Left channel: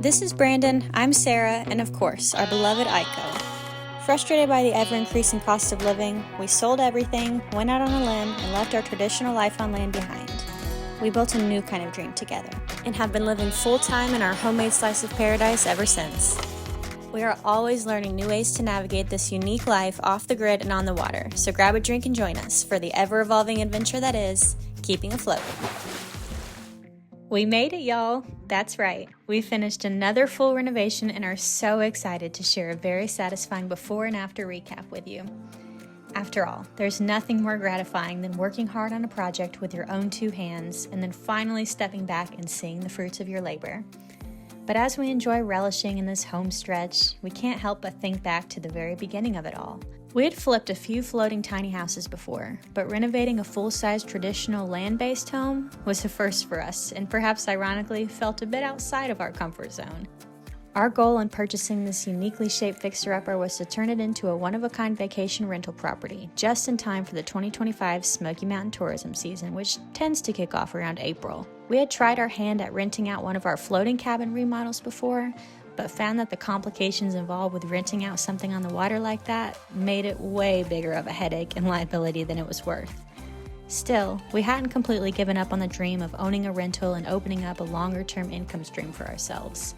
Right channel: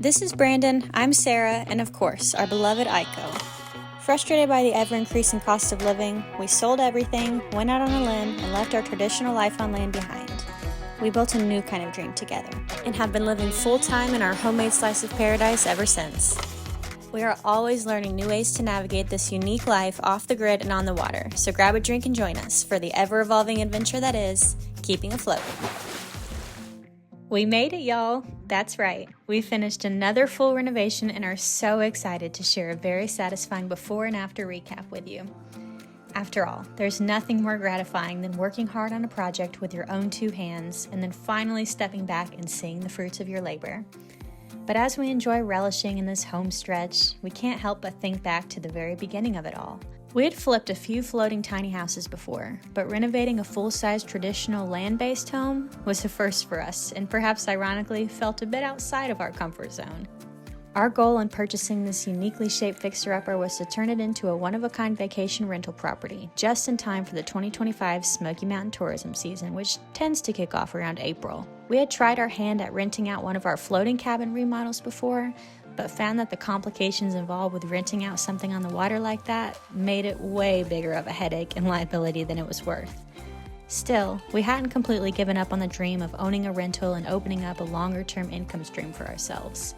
This is Brandon, I'm Sarah, and of course, our beloved Aiko. Frustrated by the ever-increasing cost of living, we sold everything, went out on a limb, and left our traditional life on land behind. We built a new kind of dream together, and have been living full-time in our homemade slice of paradise ever since. We are always learning new ways to navigate this unique life off the grid and on the water, so grab a drink and join us for the ever-evolving adventure that is keeping afloat. We made it, y'all. That's right. We finished another full renovation and are so excited to share a very satisfying before and after recap with you. After all, there's nothing more gratifying than working hard on a project with your own two hands and then finally stepping back and seeing the fruits of your labor. But as we enjoy relishing in this home stretch, we can't help but think back to the very beginning of it all. We had flipped a few floating tiny houses before, but renovating a full-size traditional land-based home was a first for us, and perhaps ironically felt a bit outside of our comfort zone. Our goal in purchasing this uniquely shaped fixer-upper was to turn it into a one-of-a-kind vacation rental property, just in time for the 2025 Smoky Mountain tourism season, which tends to kick off around April. We had tried our hand at renting out one of our floating cabin remodels before, but found that the complications involved with renting out something on the water like that made it way bigger of a headache and liability than it was worth. Still, we hadn't completely given up on the dream of owning a rental and opening up a longer-term income stream for ourselves.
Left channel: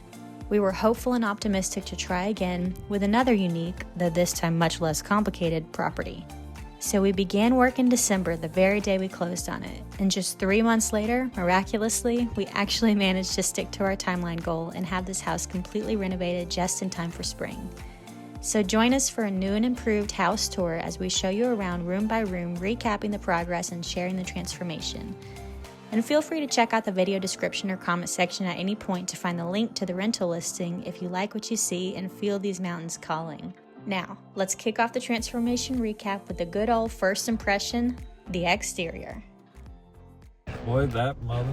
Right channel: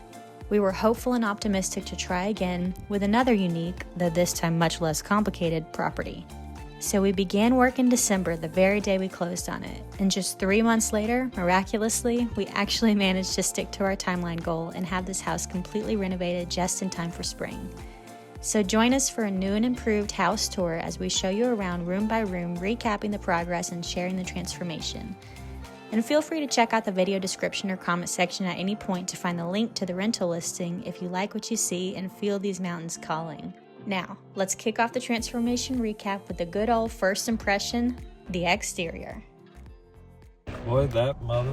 We were hopeful and optimistic to try again with another unique, though this time much less complicated, property. So we began work in December, the very day we closed on it, and just 3 months later, miraculously, we actually managed to stick to our timeline goal and have this house completely renovated just in time for spring. So join us for a new and improved house tour as we show you around room by room, recapping the progress and sharing the transformation. And feel free to check out the video description or comment section at any point to find the link to the rental listing if you like what you see and feel these mountains calling. Now, let's kick off the transformation recap with the good old first impression, the exterior. Boy, that mother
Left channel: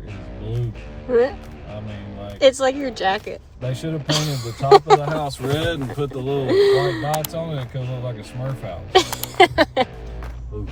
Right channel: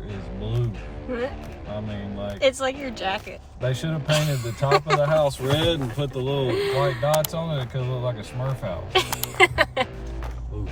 is blue. What? I mean, like... It's like your jacket. They should have painted the top of the house red and put the little white dots on it. It could look like a Smurf house. Oof.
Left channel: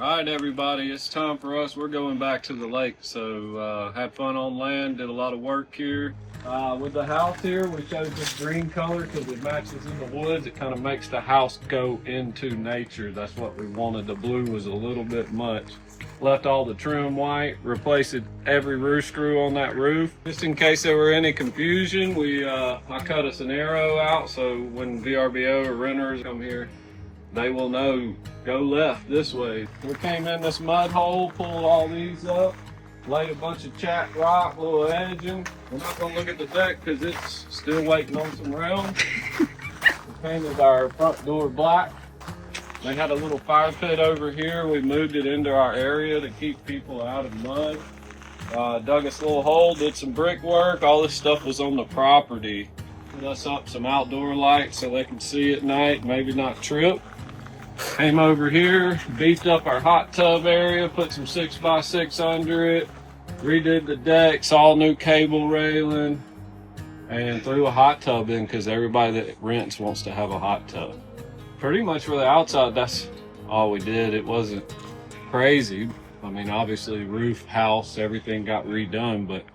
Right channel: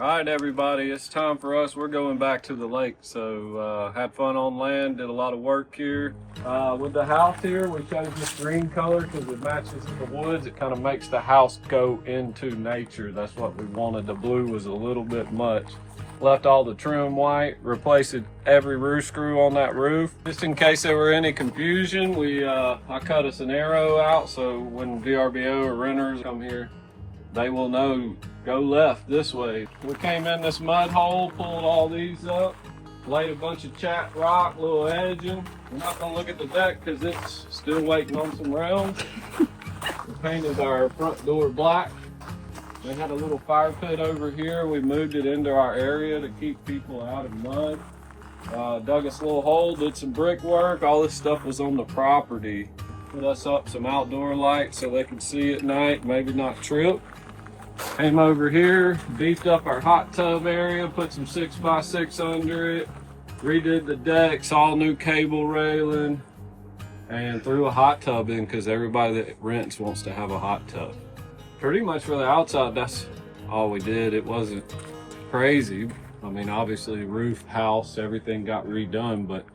All right, everybody, it's time for us. We're going back to the lake. So had fun on land, did a lot of work here. With the house here, we chose this green color because it matches in the woods. It kind of makes the house go into nature. That's what we wanted. The blue was a little bit much. Left all the trim white, replaced every roof screw on that roof. Just in case there were any confusion, I cut us an arrow out so when VRBO or renters come here, they will know, go left this way. We came in this mud hole, pulled all these up, laid a bunch of chat rock, little edging. We're not gonna look at the deck because it's still waiting on some rounds. We painted our front door black. They had a little fire pit over here. We moved it into our area to keep people out of mud. Dug us a little hole, did some brickwork. All this stuff was on the property. Put us up some outdoor lights so they could see at night, maybe not trip. Came over here, beefed up our hot tub area, put some 6x6 under it, redid the decks, all new cable railing, and threw a hot tub in because everybody that rents wants to have a hot tub. Pretty much for the outside, that's all we did. It wasn't crazy. I mean, obviously roof, house, everything got redone, but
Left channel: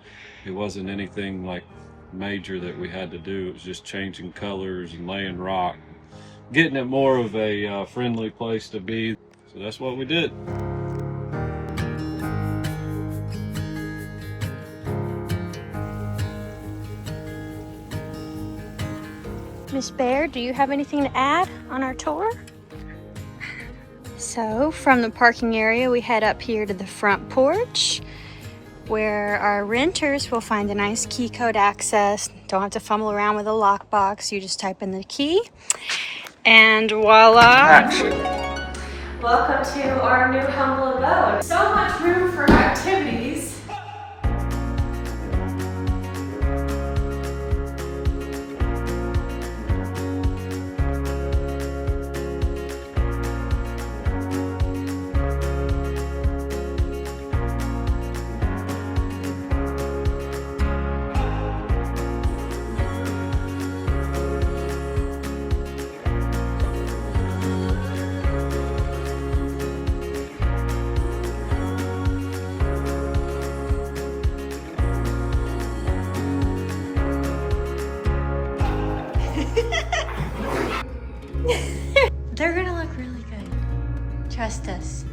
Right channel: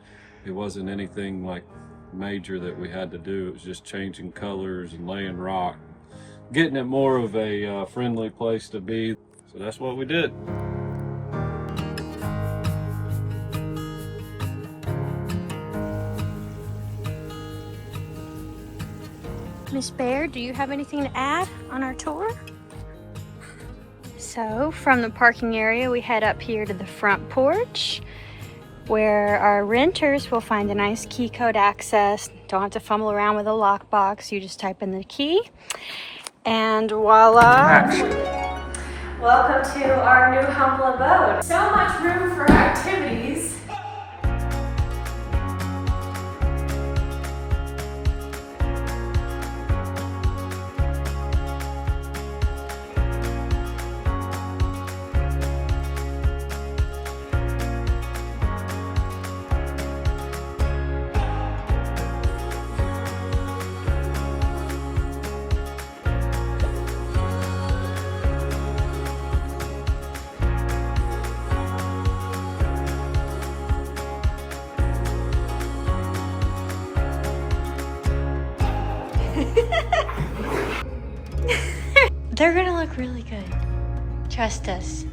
it wasn't anything like major that we had to do. It was just changing colors and laying rock, getting it more of a friendly place to be. So that's what we did. Miss Bear, do you have anything to add on our tour? So from the parking area, we head up here to the front porch where our renters will find a nice key code access. Don't have to fumble around with a lockbox. You just type in the key and voila. Welcome to our new humble abode. So much room for activities. They're gonna look really good. Trust us.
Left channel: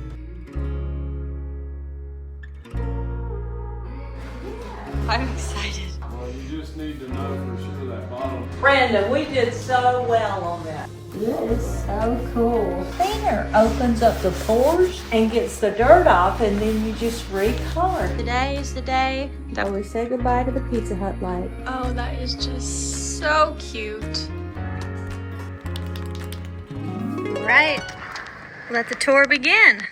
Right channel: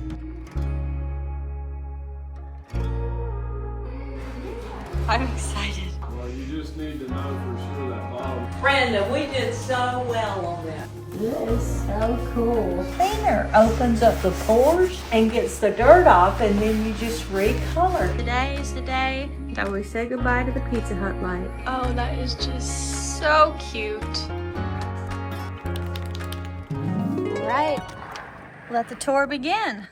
I'm excited. Well, you just need to know for sure that bottom. Brenda, we did so well on that. It is so cool. Cleaner opens up the pores and gets the dirt off, and then you just recolor. Today is the day that we say goodbye to the Pizza Hut light. Oh, that is just so cute. Right, let the tour begin.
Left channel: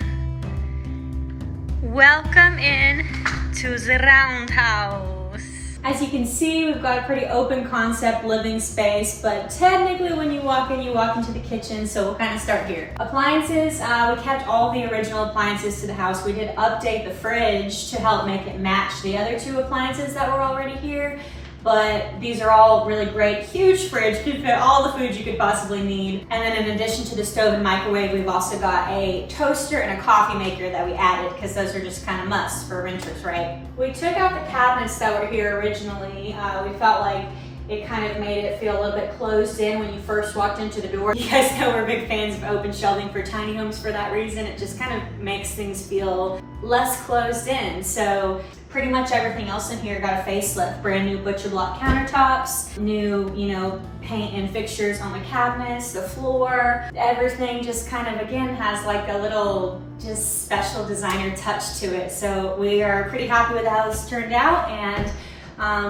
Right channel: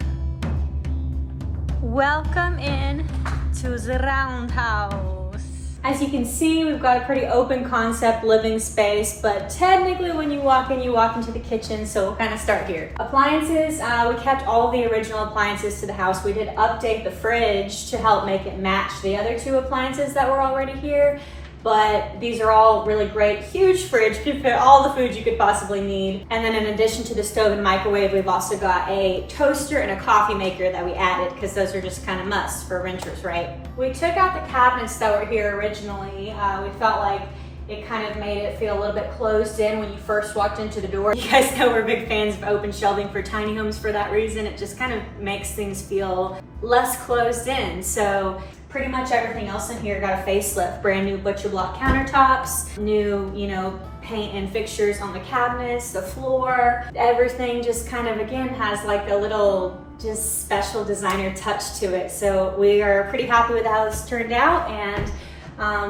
Welcome in to the Roundhouse. As you can see, we've got a pretty open concept living space, but technically when you walk into the kitchen, so we'll kind of start here. Appliances, we kept all the original appliances to the house. We did update the fridge to help make it match the other two appliances that were already here, but these are all really great. Huge fridge, can fit all the food you could possibly need. And then in addition to the stove and microwave, we've also got a toaster and a coffee maker that we added because those are just kind of musts for renters, right? We took out the cabinets that were here originally. We felt like it kind of made it feel a little bit closed in when you first walked into the door. You guys know we're big fans of open shelving for tiny homes for that reason. It just kind of makes things feel less closed in. So pretty much everything else in here got a facelift. Brand new butcher block countertops, new, paint and fixtures on the cabinets, the floor. Everything just kind of, again, has like a little just special designer touch to it. So we are pretty happy with how this turned out. And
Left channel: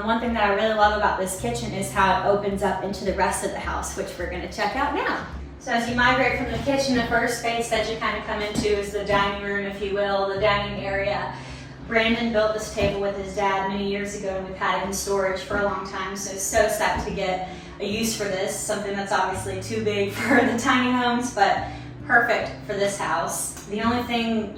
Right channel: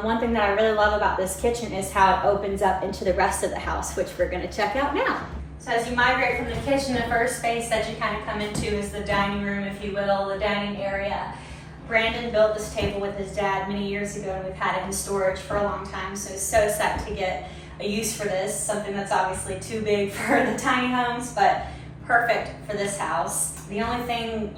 one thing that I really love about this kitchen is how it opens up into the rest of the house, which we're gonna check out now. So as you migrate from the kitchen, the first space that you kind of come into is the dining room, if you will, the dining area. Brandon built this table with his dad many years ago, and we've had it in storage for a long time, so psyched to get a use for this, something that's obviously too big for the tiny homes, but perfect for this house. The only thing,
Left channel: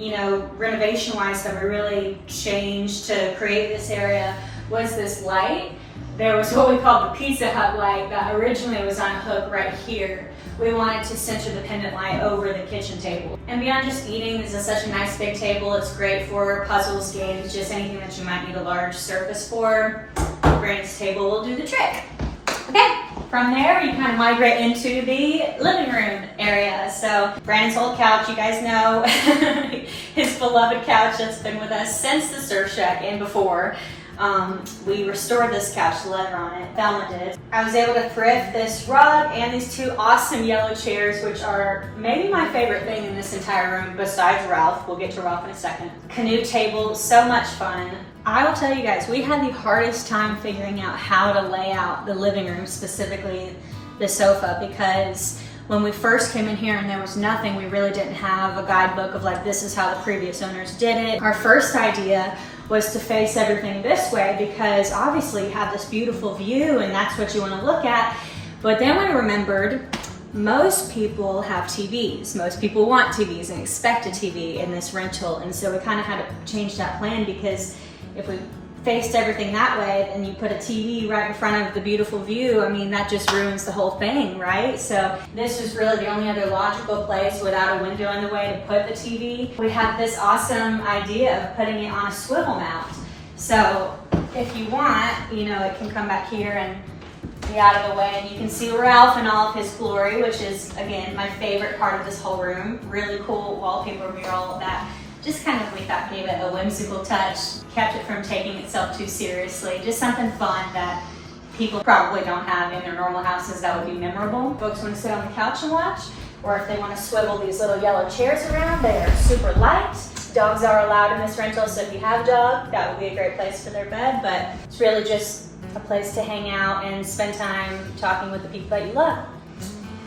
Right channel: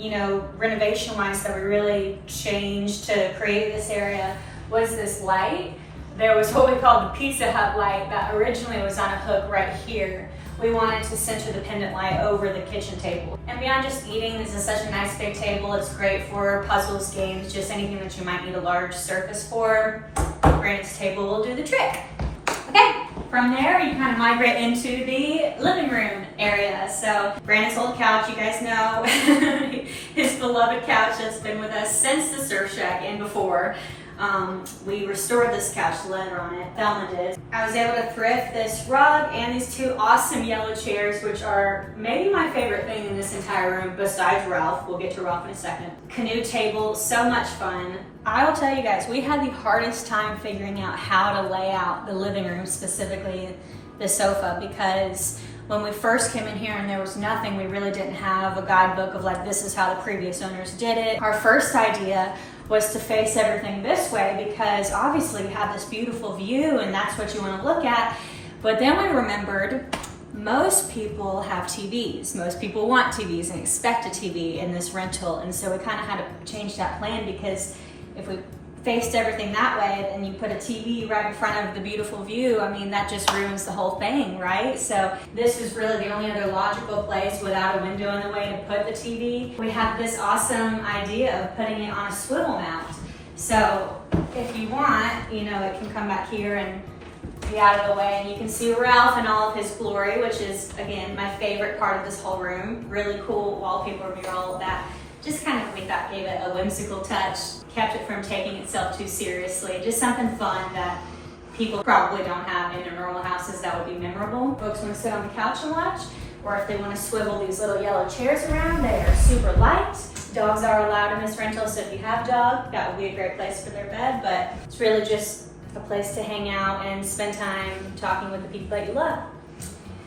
renovation-wise that we really changed to create this area was this light. there was what we called the Pizza Hut light that originally was on a hook right here. We wanted to center the pendant light over the kitchen table. And beyond just eating, this is such a nice big table. It's great for puzzles, games, just anything that you might need a large surface for. Brandon's table will do the trick. Okay, from there you kind of migrate into the living room area. So Brandon's old couch, you guys know, his beloved couch that's been with us since the surf shack and before. We restored this couch, leather on it, Thelma did. I was able to thrift this rug and these two awesome yellow chairs, which are maybe my favorite thing in this entire room besides Ralph. We'll get to Ralph in a second. Canoe table, so much fun. I will tell you guys, we had the hardest time figuring out how to lay out the living room, specifically the sofa, because when we first came in here and there was nothing, we really didn't have a guidebook of like, this is how the previous owners did it. Our first idea was to face everything this way because obviously you have this beautiful view and that's what you want to look at. But then we remembered most people have TVs. Most people want TVs and expect a TV in this rental. And so we kind of had to change that plan because if we faced everything that way and you put a TV right in front of the beautiful view, I mean, that just ruins the whole thing, right? So this is really the only other logical place without a window in the way to put the TV. We have this awesome idea of putting it on a swivel mount. So if you want, you know, it can come back here and be out of the way and you can see Ralph in all of his glory, which is, again, my favorite part of this whole room. Really cool wallpaper mural that just kind of, we thought, gave it a whimsical touch, kept it from taking itself too seriously. Just something fun that people probably don't have in their normal houses that would be memorable. Folks want to sit on the couch and watch, or if they want to swivel these little yellow chairs around, they are super light. Dogs are allowed in this rental, so if you have a dog, that would be a great place for their bed, but it's really just a place to hang out and spend time talking with the people that you love.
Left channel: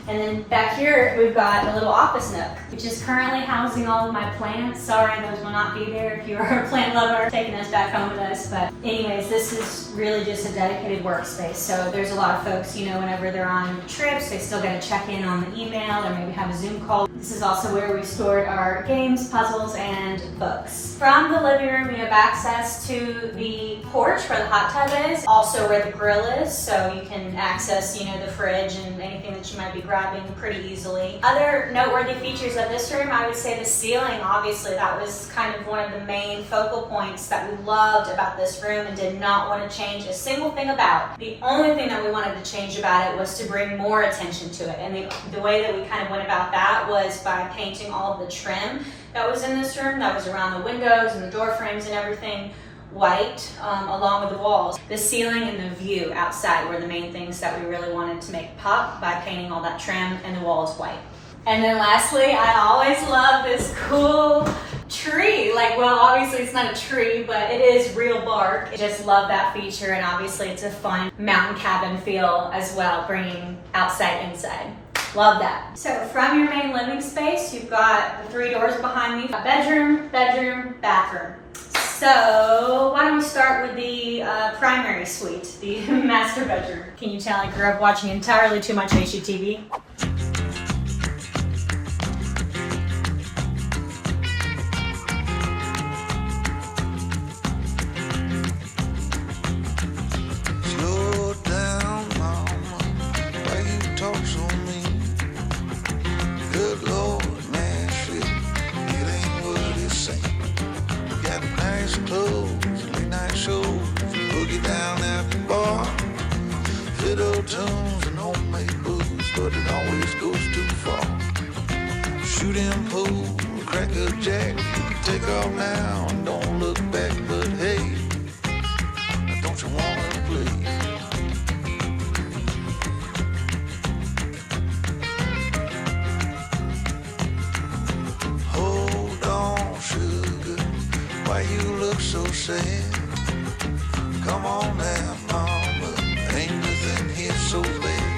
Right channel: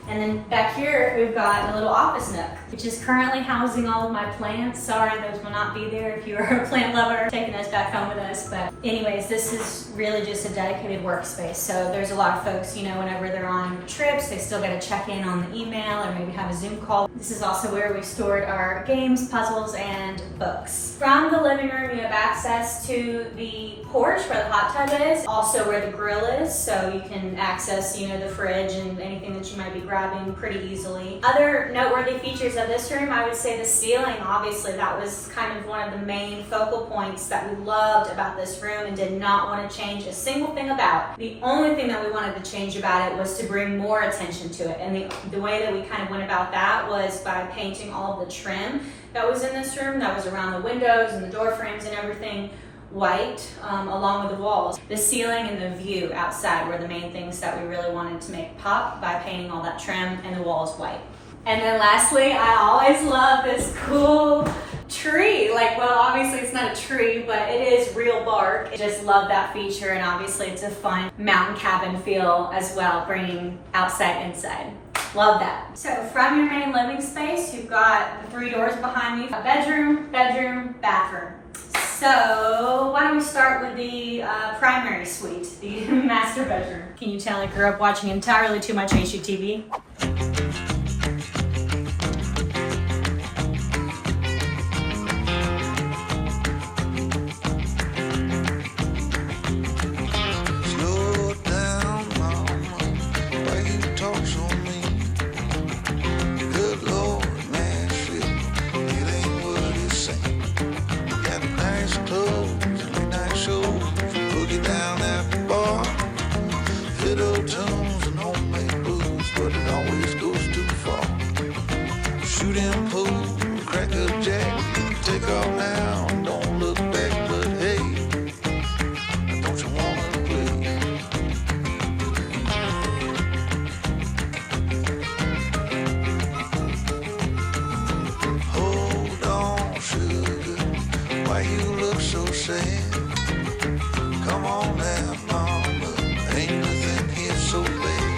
And then back here, we've got a little office nook, which is currently housing all of my plants. Sorry, those will not be there if you are a plant lover, taking those back home with us. But anyways, this is really just a dedicated workspace. So there's a lot of folks, you know, whenever they're on trips, they still got to check in on the email or maybe have a Zoom call. This is also where we stored our games, puzzles, and books. From the living room, you have access to the porch where the hot tub is, also where the grill is. So you can access, you know, the fridge and anything that you might be grabbing pretty easily. Other noteworthy features of this room, I would say the ceiling. Obviously, that was kind of one of the main focal points that we loved about this room and did not want to change a single thing about. The only thing that we wanted to change about it was to bring more attention to it. And the way that we kind of went about that was by painting all of the trim that was in this room, that was around the windows and the door frames and everything, white, along with the walls. The ceiling and the view outside were the main things that we really wanted to make pop by painting all that trim and the walls white. And then lastly, I always love this cool tree. Like, well, obviously it's not a tree, but it is real bark. I just love that feature, and obviously it's a fun mountain cabin feel as well, bringing outside inside. Love that. So from your main living space, you've got the 3 doors behind me. A bedroom, bedroom, bathroom. So why don't we start with the primary suite, the master bedroom. Can you tell I grew up watching entirely too much HGTV? Slow down, mama, why you talk so mean? Good Lord, Nashville, it ain't what it seems. Got nice clothes, late night shows, boogie down at the bar, fiddle tunes and homemade booze, but it always goes too far. Shooting pool, crack a jack, take off now and don't look back, but hey, don't you wanna play? Hold on, sugar, why you look so sad? Come on now, mama, ain't nothing here so bad.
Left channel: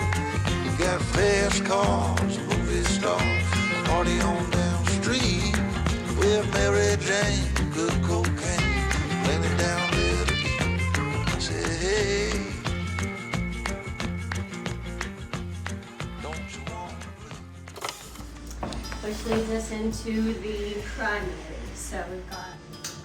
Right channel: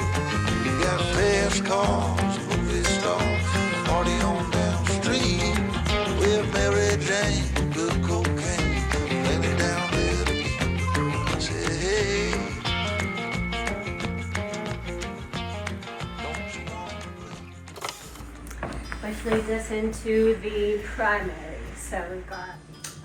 You got fast cars, movie stars, party on down the street with Mary Jane, good cocaine, laying down there to eat. Say, hey, don't you want to play? Which leads us into the primary. So we've got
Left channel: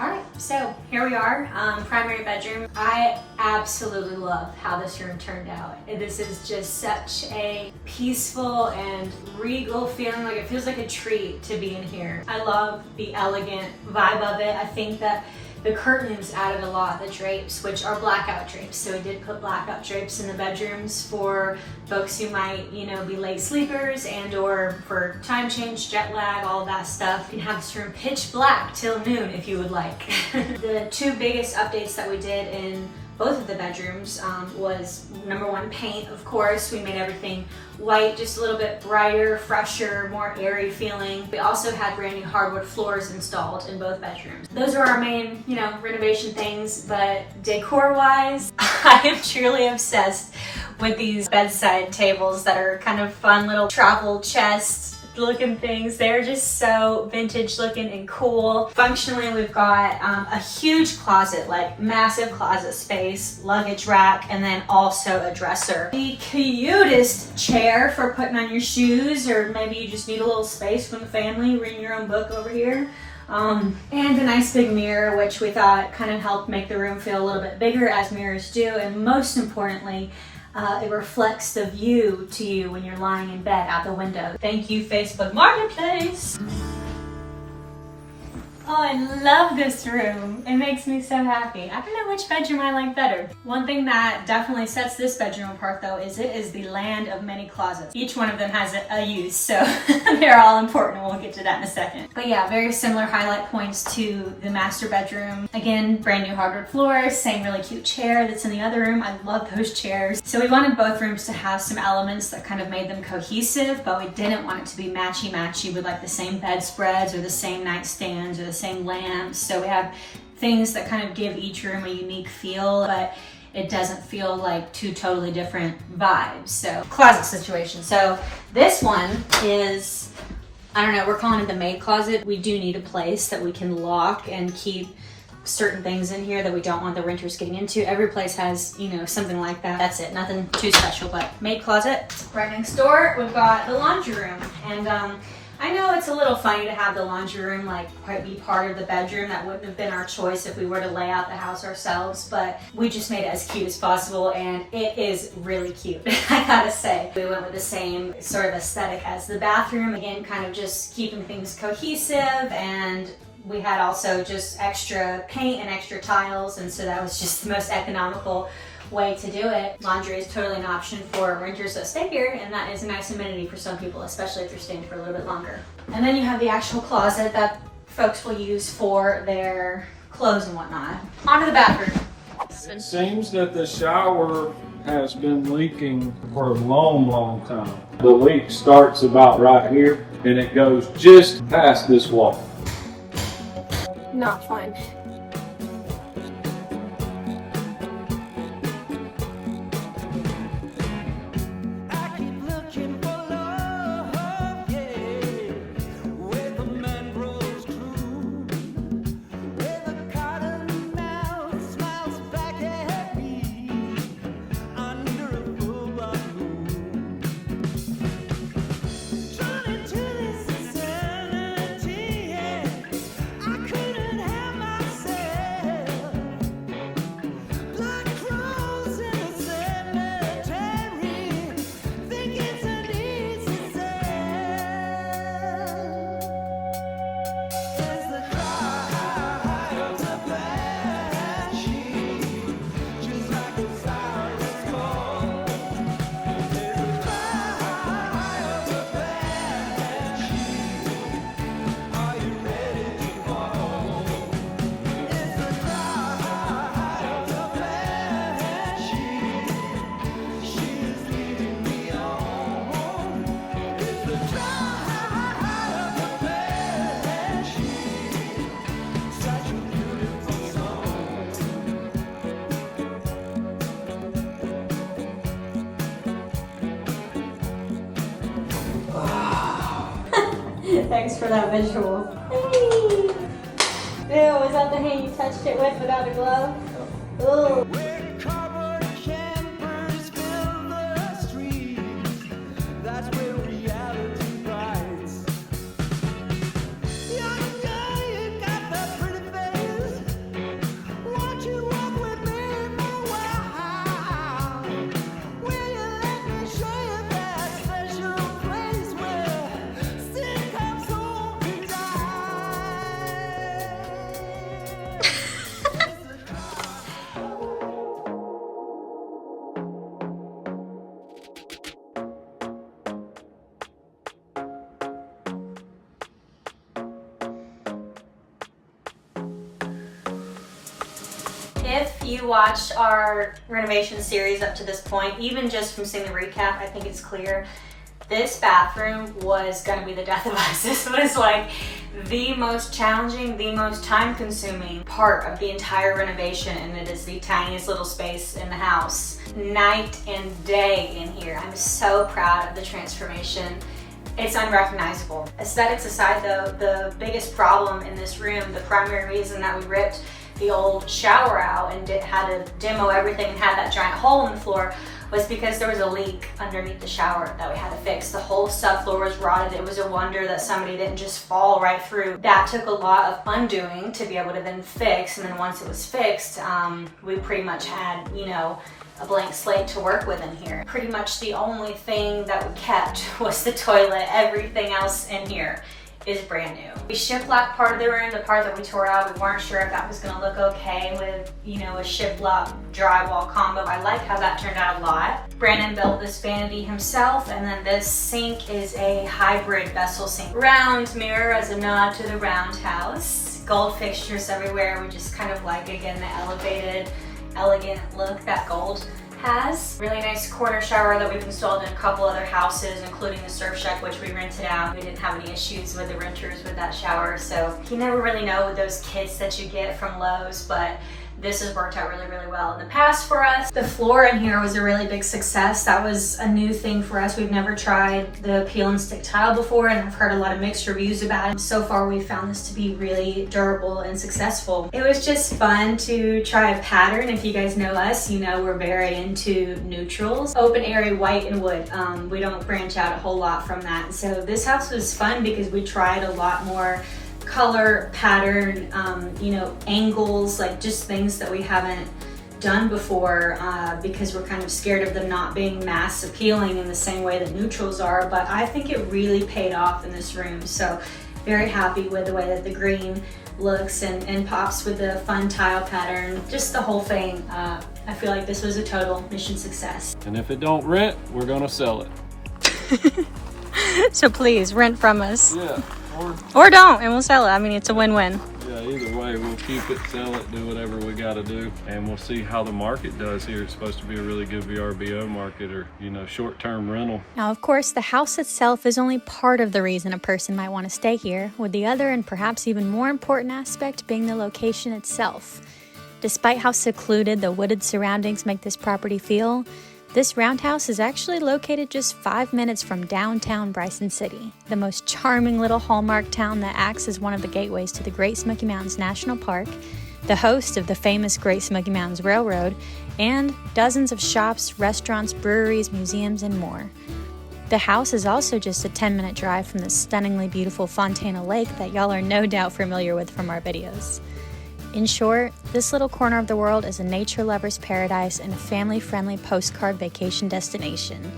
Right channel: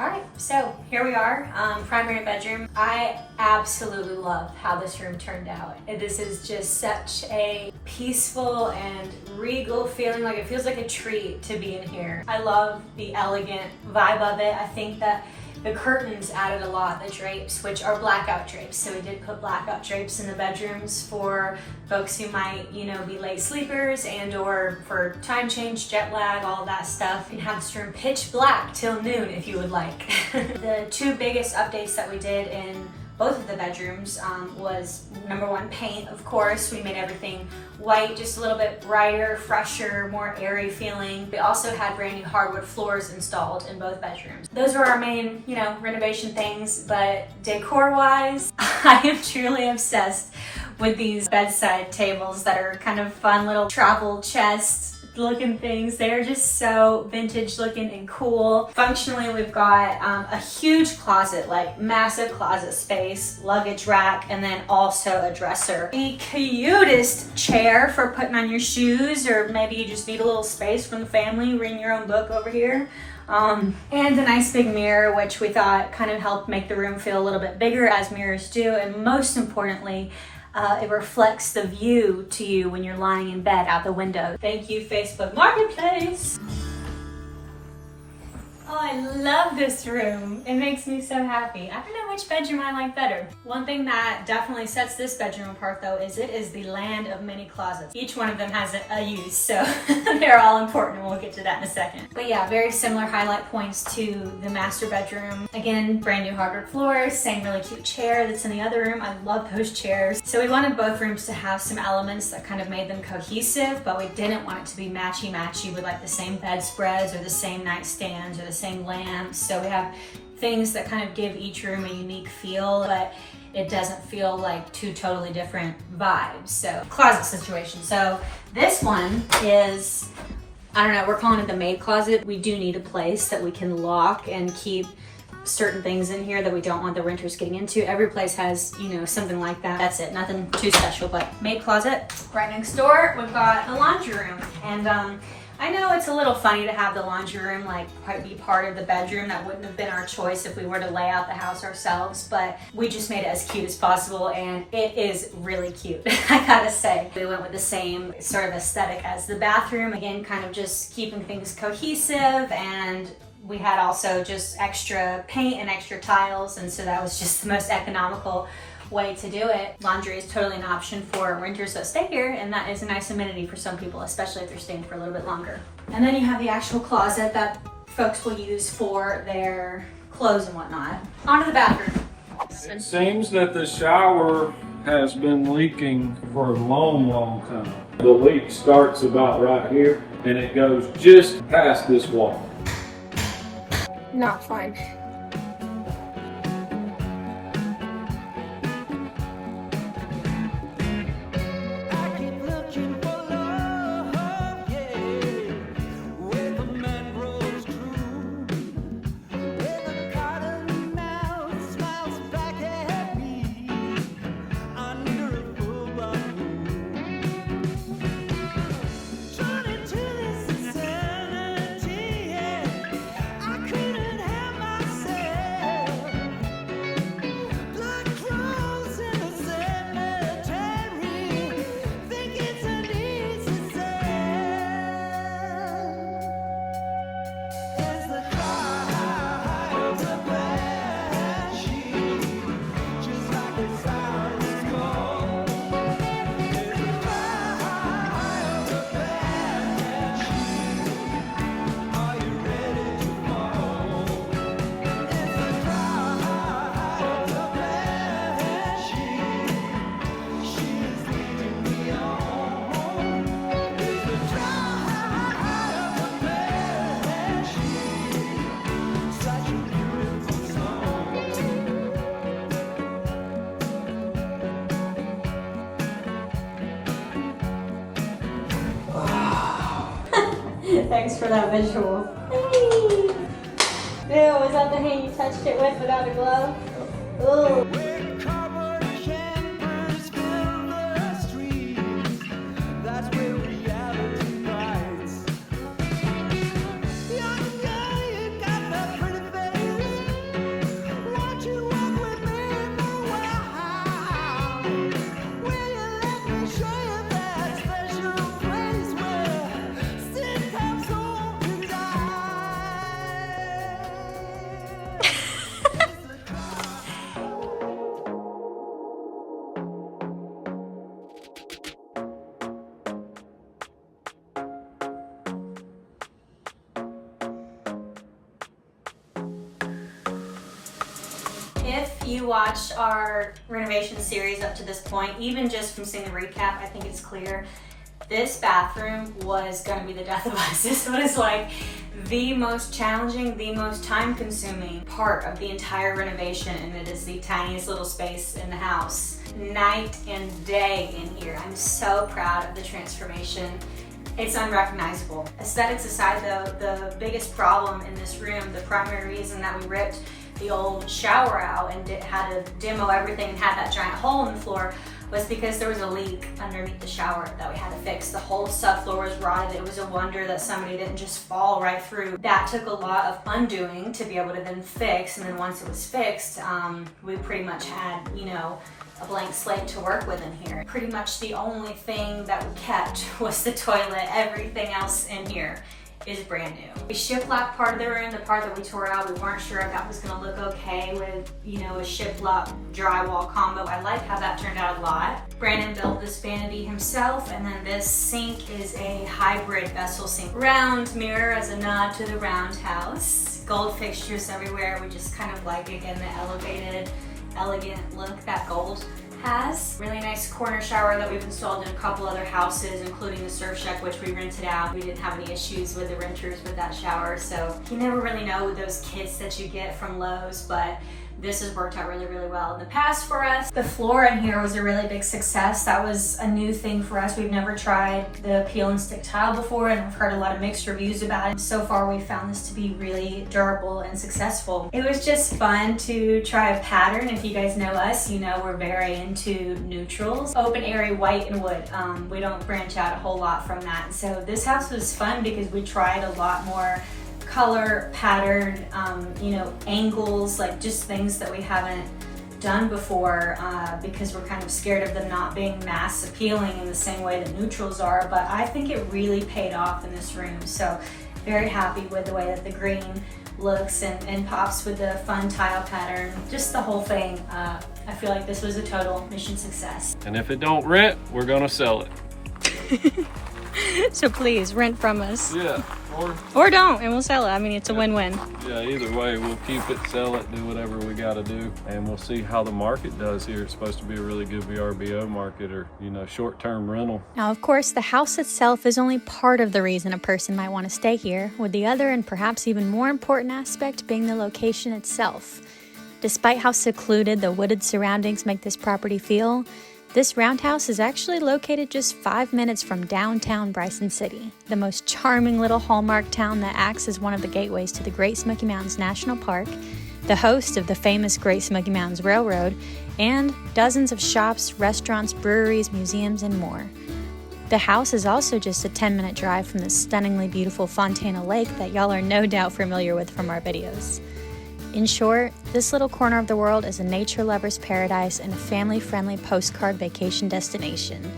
All right, so here we are, primary bedroom. I absolutely love how this room turned out. This is just such a peaceful and regal feeling, like it feels like a treat to be in here. I love the elegant vibe of it. I think that the curtains added a lot, the drapes, which are blackout drapes. So we did put blackout drapes in the bedrooms for folks who might, you know, be late sleepers and or for time change, jet lag, all of that stuff. You can have this room pitch black till noon if you would like. The two biggest updates that we did in both of the bedrooms was number one, paint, of course. We made everything white, just a little bit brighter, fresher, more airy feeling. We also had brand new hardwood floors installed in both bedrooms. Those are our main, you know, renovation things, but decor-wise, I am truly obsessed with these bedside tables that are kind of fun little travel chests looking things. They're just so vintage looking and cool. Functionally, we've got a huge closet, like massive closet space, luggage rack, and then also a dresser. The cutest chair for putting on your shoes, or maybe you just need a little space from the family, reading your own book over here. And a nice big mirror, which we thought kind of helped make the room feel a little bit bigger, as mirrors do, and most importantly, it reflects the view to you when you're lying in bed out the window. Thank you, Facebook Marketplace. Oh, I love this room. It makes me so happy. I don't know which bedroom I like better. One thing that definitely sets this bedroom apart though is it is the land of many closets. Each one of them has a use, so they're all important. We'll get to that in a second. But yeah, very similar highlight points to the master bedroom. Again, brand new hardwood floors, same really cute chair that's in the other room. I love those chairs. So we wanted both rooms to have some elements that kind of made them cohesive, but we didn't want it to be matchy-matchy with like the same bedspreads or the same nightstands or the same lamps. So we have things that kind of give each room a unique feel, but it doesn't feel like two totally different vibes. So closet situation. So this one is, I don't know, we're calling it the maid closet. We do need a place that we can lock and keep certain things in here that we don't want the renters getting into. Every place has, you know, something like that. That's it, nothing too special, but maid closet. Right next door, we've got the laundry room. And I know it's a little funny to have the laundry room like quite be part of the bedroom. That wouldn't have been our choice if we were to lay out the house ourselves, but we just made it as cute as possible, and it is really cute, I gotta say. We went with the same sort of aesthetic as the bathroom. Again, kind of just keeping things cohesive, and we had also just extra paint and extra tiles, and so that was just the most economical way to do it. Laundry is totally an option for renters that stay here, and that is a nice amenity for some people, especially if they're staying for a little bit longer. And then you have the actual closet that folks will use for their clothes and whatnot. On to the bathroom. It seems that the shower has been leaking for a long time. The leak starts about right here and it goes just past this wall. Not fun. Thanks for that visual. Hey! Ew, was that the hand you touched it with without a glove? Ooh. you watched our renovation series up to this point, even just from seeing the recap, I think it's clear this bathroom was gonna be the death of us. This was like the most challenging, the most time-consuming part of the entire renovation, and it is the tiniest little space in the house. Night and day in here. I'm so proud of the transformation. It's unrecognizable. Aesthetics aside though, the biggest problem in this room, the primary reason that we ripped the old shower out and had to demo everything and had that giant hole in the floor was because there was a leak underneath the shower that we had to fix. The whole subfloor was rotted. It was a wonder that somebody didn't just fall right through. That took a lot of undoing to be able to then fix, and then once it was fixed, we pretty much had, you know, a blank slate to work with in here. Pretty much the only thing that we kept was the toilet. Everything else in here is brand new. We shiplap part of the room, the part that we tore out, we weren't sure if that was gonna look okay with, you know, a shiplap drywall combo. I like how that turned out a lot. Brandon built this vanity himself, and then this sink is a hybrid vessel sink. Round mirror as a nod to the Roundhouse. Gold fixtures everywhere. We just kind of like, again, the elevated, elegant look that gold has. Really nice corner shower that we've installed in a couple other houses, including the Surf Shack, which we rented out. We didn't have any issues with the renters with that shower, so you never really know with those kits that you get from Lowe's, but this has worked out really, really well in the past for us. The floor in here was a really big success. That was a new thing for us. We've never tried the peel and stick tile before, and I've heard a lot of mixed reviews about it. So far, we found this to be really durable and successful. It was just fun to try a pattern. If you guys know us, you know we're very into neutrals. Open area white and wood. We don't branch out a whole lot from that. So this house was fun because we tried a lot more color, pattern, you know, angles, like just things that we haven't done before because we're kind of scared of them not being mass appealing in the same way that neutrals are, but I think it really paid off in this room. So very happy with the way that the green looks and pops with the fun tile pattern, just the whole thing. I feel like this was a total mission success. And if it don't rent, we're gonna sell it. So please rent from us. Yeah. Or don't, and we'll sell it. I mean, it's a win-win. Yeah, either way, we'll keep it, sell it, do whatever we got to do, and we'll see how the market does here. It's supposed to be a really good VRBO market, or, you know, short-term rental. Now, of course, the house itself is only part of the reason a person might want to stay here, with the other and perhaps even more important aspect being the location itself. Despite how secluded the wooded surroundings make this property feel, this roundhouse is actually located just 5 minutes from downtown Bryson City, the most charming little hallmark town that acts as one of the gateways to the Great Smoky Mountains National Park, the host of the famous Great Smoky Mountains Railroad, and dozens of shops, restaurants, breweries, museums, and more. The house is also just a 10-minute drive from the stunningly beautiful Fontana Lake that y'all are no doubt familiar with from our videos. In short, this little corner of the world is a nature lover's paradise and a family-friendly postcard vacation destination.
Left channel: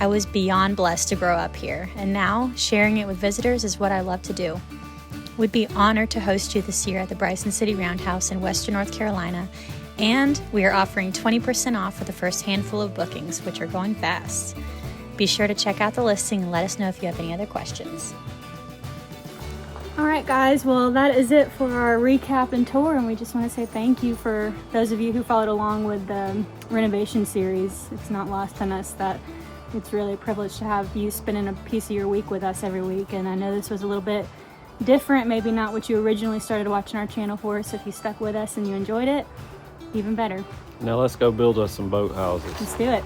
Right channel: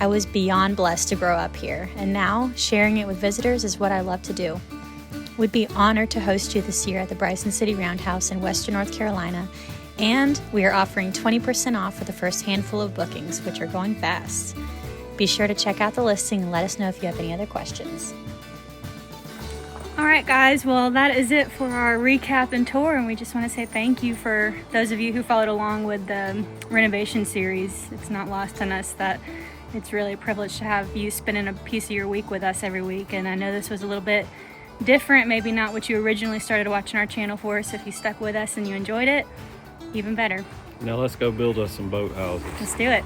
I was beyond blessed to grow up here, and now sharing it with visitors is what I love to do. We'd be honored to host you this year at the Bryson City Roundhouse in Western North Carolina, and we are offering 20% off for the first handful of bookings, which are going fast. Be sure to check out the listing and let us know if you have any other questions. All right, guys, well, that is it for our recap and tour, and we just want to say thank you for those of you who followed along with the renovation series. It's not lost on us that it's really a privilege to have you spending a piece of your week with us every week, and I know this was a little bit different, maybe not what you originally started watching our channel for, so if you stuck with us and you enjoyed it, even better. Now let's go build us some boat houses. Let's do it.